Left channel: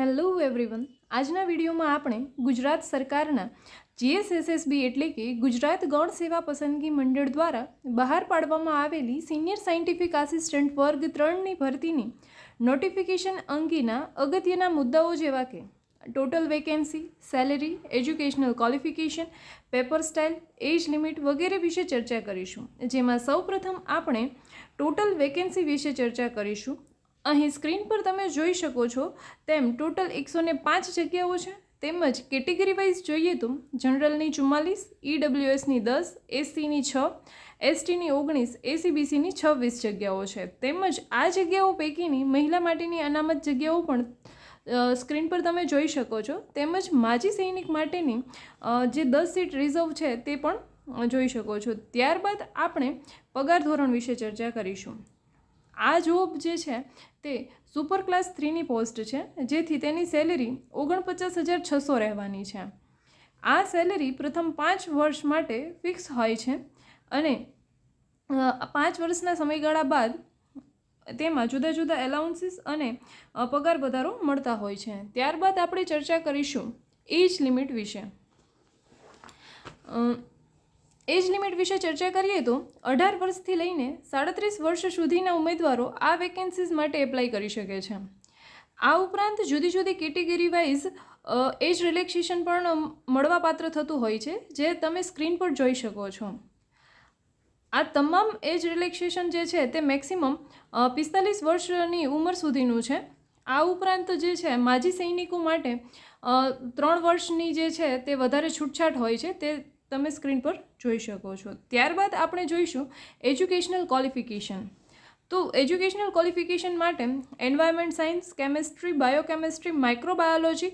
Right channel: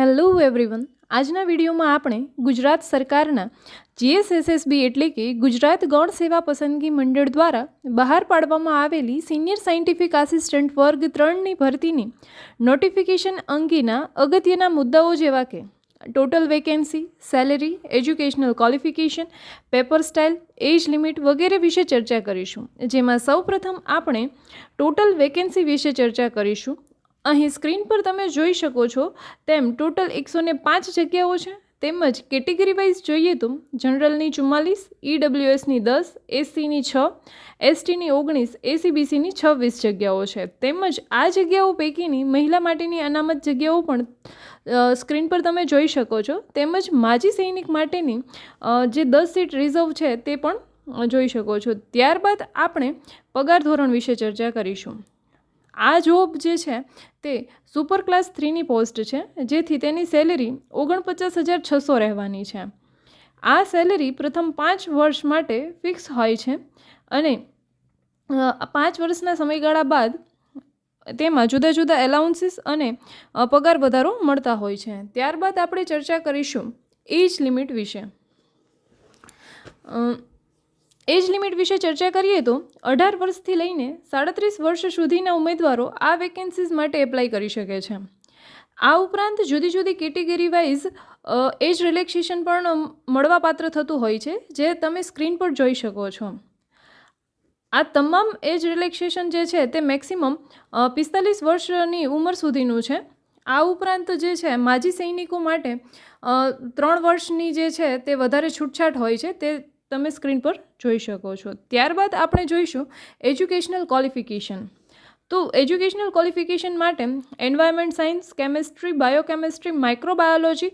Hello everyone, આજના વિડીયોમાં આપણે ગુજરાત સરકારના GSSSB એટલે કે ગુજરાત ગૌણ સેવા પસંદગી મંડળ દ્વારા બહાર પાડવામાં આવેલી સિનિયર સાયન્ટિફિક આસિસ્ટન્ટ વર્ગ 3ની ભરતીની નોટિફિકેશન અંગેના અગત્યના મુદ્દાઓ જેવા કે total vacancy, salary, educational qualification, paper style, age limit વગેરે વિશે ચર્ચા કરીશું. જેમાં સૌપ્રથમ આપણે ટોટલ વેકેન્સી વિશે ચર્ચા કરીશું. અહીં સ્ક્રીન પર તમે જોઈ શકો છો તેમ ટોટલ 105 જગ્યાઓ છે. તેમજ કેટેગરી વાઇઝ જોઈએ તો જનરલની 44, EWSની 10, SCની 6, STની 19, ACBCની 26 જગ્યાઓ છે. તેમજ આ જગ્યાઓ પૈકીની મહિલા માટેની અનામત જગ્યાઓ પણ સ્ક્રીન પર તમે જોઈ શકો છો. તેમજ માજી સૈનિક માટેની જે 10 સીટ રિઝર્વ છે તે પણ જોઈ શકો છો. ત્યારબાદ આપણે પગાર ધોરણ વિશે ચર્ચા કરીશું. આ જોબ જે છે તે સુપર ક્લાસ 3ની પોસ્ટ છે, જેથી તેની સેલેરી 49,600 રહેવાની છે. આ સેલેરી પ્રથમ 5 વર્ષ માટે ફિક્સ હોય છે અને 5 વર્ષના સમયગાળા બાદ તેમાં જુદા જુદા એલાઉન્સીસ અને પગાર વધારો મળતા હોય છે. ત્યારબાદ આપણે ચર્ચા કરીશું એજ લિમિટ વિશે. એજ લિમિટ વિશે ચર્ચા કરીએ તો 18 વર્ષથી લઈને 37 વર્ષ સુધીના ઉમેદવારો આ વેકેન્સીઝ માટે એપ્લાય કરી શકે છે. આ ઉપરાંત જુદી જુદી કેટેગરી વાઇઝ એજ રિલેક્સેશન પણ મળવાપાત્ર થતું હોય છે, જે તમે સ્ક્રીન પર જોઈ શકો છો. આ તમામ એજ રિલેક્સેશન જે છે તે મેક્સિમમ 45 વર્ષની ઉંમર સુધીનું છે. આ ઉપરાંત જે છે માજી સૈનિકો માટે 3 વર્ષની જે છે તે વધારે છૂટછાટ હોય છે, તે તમે સ્ક્રીન પર જોઈ શકો છો. ત્યારબાદ આપણે જોઈશું એજ્યુકેશનલ ક્વોલિફિકેશન. તો એજ્યુકેશનલ ક્વોલિફિકેશન માટે environment science, chemistry, બાયોકેમેસ્ટ્રી, microbiology,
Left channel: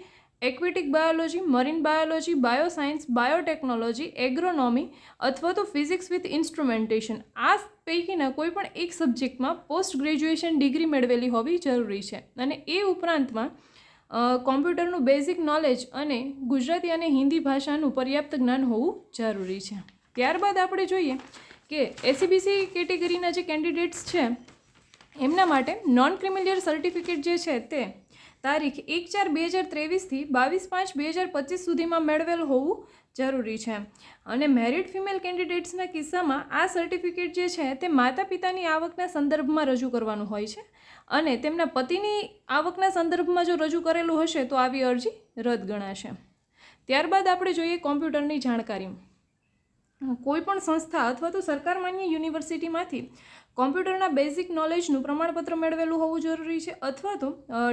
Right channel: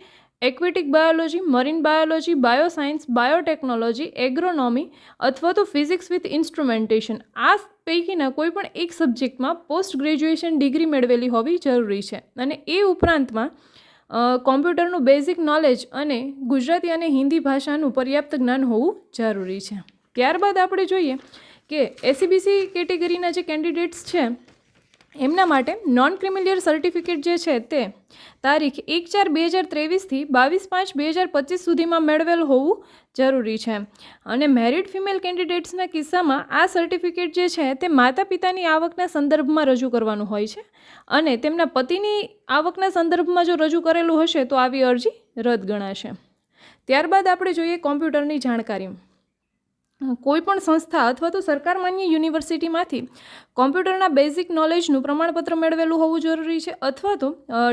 aquatic biology, marine biology, bioscience, biotechnology, એગ્રોનોમી અથવા તો ફિઝિક્સ વિથ ઇન્સ્ટ્રુમેન્ટેશન, આ પૈકીના કોઈ પણ એક સબ્જેક્ટમાં પોસ્ટ ગ્રેજ્યુએશન ડિગ્રી મેળવેલી હોવી જરૂરી છે. અને એ ઉપરાંતમાં કોમ્પ્યુટરનું બેઝિક નોલેજ અને ગુજરાતી અને હિન્દી ભાષાનું પર્યાપ્ત જ્ઞાન હોવું જરૂરી છે. ત્યારબાદ આપણે જોઈએ કે એસીબીસી કેટેગરીના જે કેન્ડિડેટ્સ છે એમના માટે નોન ક્રિમિલિયર સર્ટિફિકેટ જે છે તે તારીખ 1/4/2023થી 22/5/2025 સુધીમાં મેળવેલ હોવું જરૂરી છે. અને મેરિડ ફિમેલ કેન્ડિડેટ્સના કિસ્સામાં આ સર્ટિફિકેટ જે છે તે માતા પિતાની આવકના સંદર્ભમાં રજૂ કરવાનું હોય છે અને તેમના પતિની આવકના સંદર્ભમાં જો રજૂ કરેલું હશે તો આવી અરજી રદ ગણાશે. ત્યારબાદ આપણે જોઈએ કોમ્પ્યુટરની જાણકારી. કોઈપણ સંસ્થા અથવા તો સરકાર માન્ય યુનિવર્સિટીમાંથી કોમ્પ્યુટરના બેઝિક નોલેજનું પ્રમાણપત્ર મેળવેલું હોવું જરૂરી છે, અથવા તો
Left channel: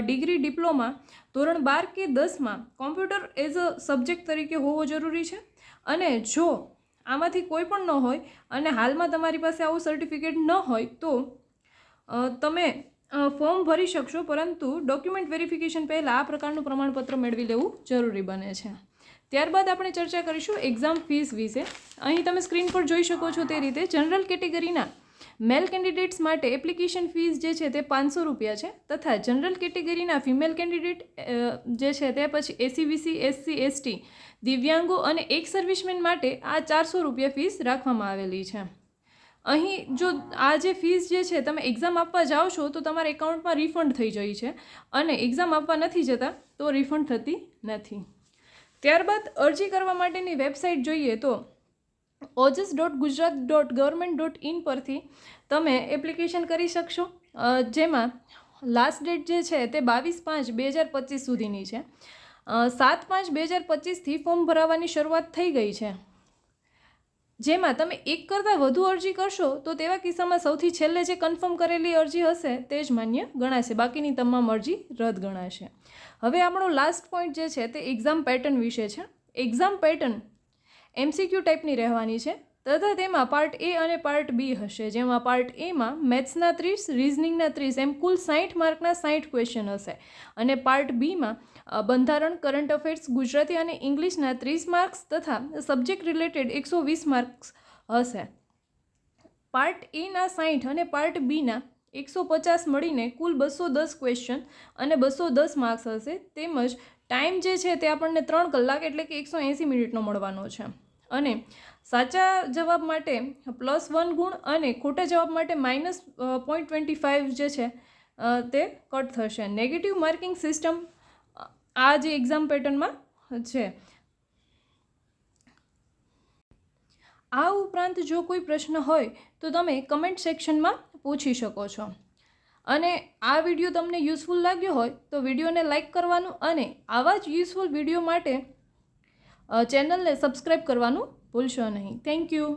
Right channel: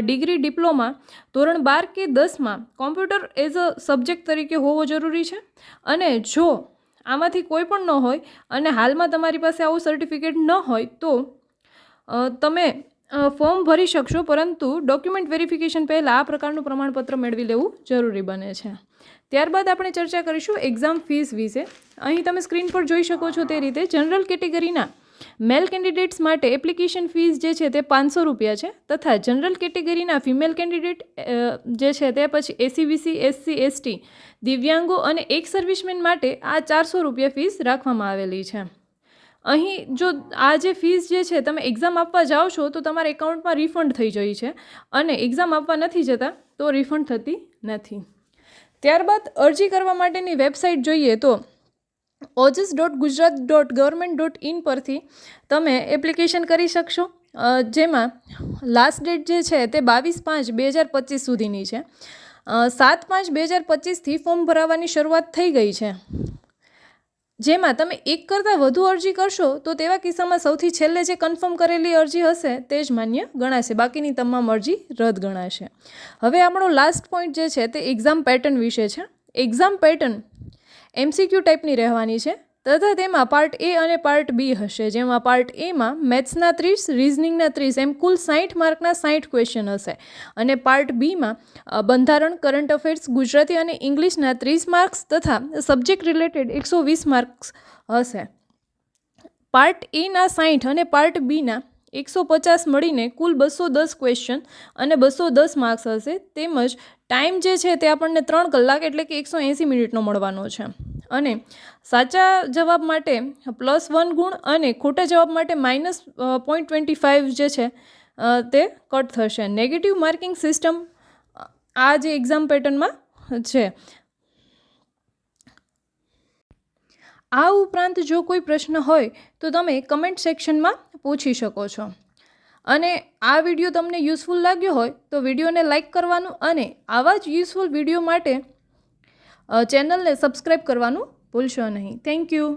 ડિગ્રી, ડિપ્લોમા ધોરણ 12 કે 10માં કોમ્પ્યુટર એઝ અ સબ્જેક્ટ તરીકે હોવો જરૂરી છે. અને જો આમાંથી કોઈ પણ ન હોય અને હાલમાં તમારી પાસે આવું સર્ટિફિકેટ ન હોય તો તમે ફોર્મ ભરી શકશો, પરંતુ ડોક્યુમેન્ટ વેરિફિકેશન પહેલાં આ પ્રકારનું પ્રમાણપત્ર મેળવી લેવું જરૂરી બને છે. ત્યારબાદ આપણે ચર્ચા કરીશું એક્ઝામ ફીસ વિશે. અહીં તમે સ્ક્રીન પર જોઈ શકો છો તે રીતે જનરલ કેટેગરીના મેલ કેન્ડિડેટ્સ માટે એપ્લિકેશન ફીસ જે છે તે 500 રૂપિયા છે, તથા જનરલ કેટેગરીના ફિમેલ કેન્ડિડેટ જે છે તે પછી એસીબીસી, SC, ST, દિવ્યાંગો અને એક સર્વિસમેન માટે આ 400 રૂપિયા ફીસ રાખવામાં આવેલી છે. અહીં જો આ જે ફીસ જે છે તમે એક્ઝામ આપવા જાઓ છો તો તમારા એકાઉન્ટમાં રિફંડ થઈ જાય છે અને એક્ઝામ આપવા નથી જતા તો રિફંડ થતી નથી. ત્યારબાદ અરજી કરવા માટેની વેબસાઇટ જોઈએ તો ojas.gujarat.government.in પરથી તમે એપ્લિકેશન કરી શકશો, જેમાં લાસ્ટ ડેટ જે છે તે 22/5/2025 સુધીની છે. 7/5/2025થી ફોર્મ ભરાવાની શરૂઆત થઈ ગઈ છે. જેમાં તમે એક કરતાં વધુ અરજી કરશો તો તેવા કિસ્સામાં સૌથી છેલ્લે જે કન્ફર્મ કરેલી અરજી હશે તે જ માન્ય ગણાશે, બાકીની તમામ અરજી રદ ગણાશે. હવે આપણો લાસ્ટ પોઈન્ટ જે છે તે એક્ઝામ પેટર્ન વિશે છે. એક્ઝામ પેટર્ન MCQ ટાઈપની રહેવાની છે, તથા તેમાં પાર્ટ A અને પાર્ટ B હશે, જેમાં પાર્ટ Aમાં મેથ્સના 30, રિઝનિંગના 30 એમ કુલ 60 માર્કના 60 ક્વેશ્ચન હશે. અને પાર્ટ Bમાં બંધારણ, કરંટ અફેર્સ, ગુજરાતી અને ઇંગ્લિશના 30 માર્ક્સ તથા સબ્જેક્ટ રિલેટેડ 120 માર્ક્સ હશે. પાર્ટ Aના 60 અને પાર્ટ Bના 150 મળીને કુલ 210 ક્વેશ્ચન અને 210 માર્ક્સ હશે. તેમજ ટાઈમ જે છે તે આપણને 3 કલાક એટલે કે 180 મિનિટનો મળવાનો છે. અને સાચા જવાબ માટે +1 ગુણ અને ખોટા જવાબ માટે -0.25 જે છે તે કટ થશે. નેગેટિવ માર્કિંગ સિસ્ટમ આ જે એક્ઝામ પેટર્નમાં છે. આ ઉપરાંત જો કોઈ પ્રશ્ન હોય તો તમે કમેન્ટ સેક્શનમાં પૂછી શકો છો. અને આ વિડીયો તમને યુઝફુલ લાગ્યો હોય તો વિડીયોને લાઇક કરવાનું અને આવા જ યુઝફુલ વિડીયો માટે ચેનલને સબસ્ક્રાઈબ કરવાનું ભૂલશો નહીં. Thank you.